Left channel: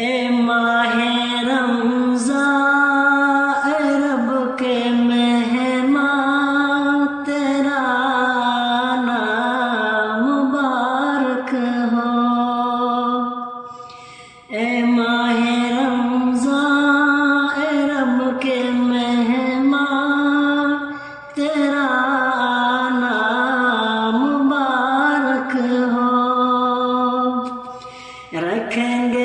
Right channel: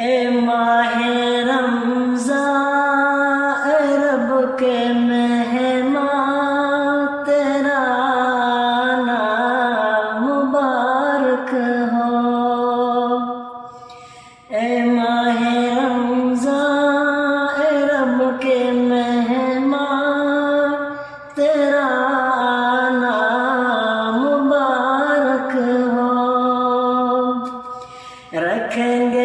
اے ماہ رمضان اے رب کے مہمان تیرا نام مبارک ہو۔ اے ماہ رمضان اے رب کے مہمان تیرا نام مبارک ہو۔ رکھیں گے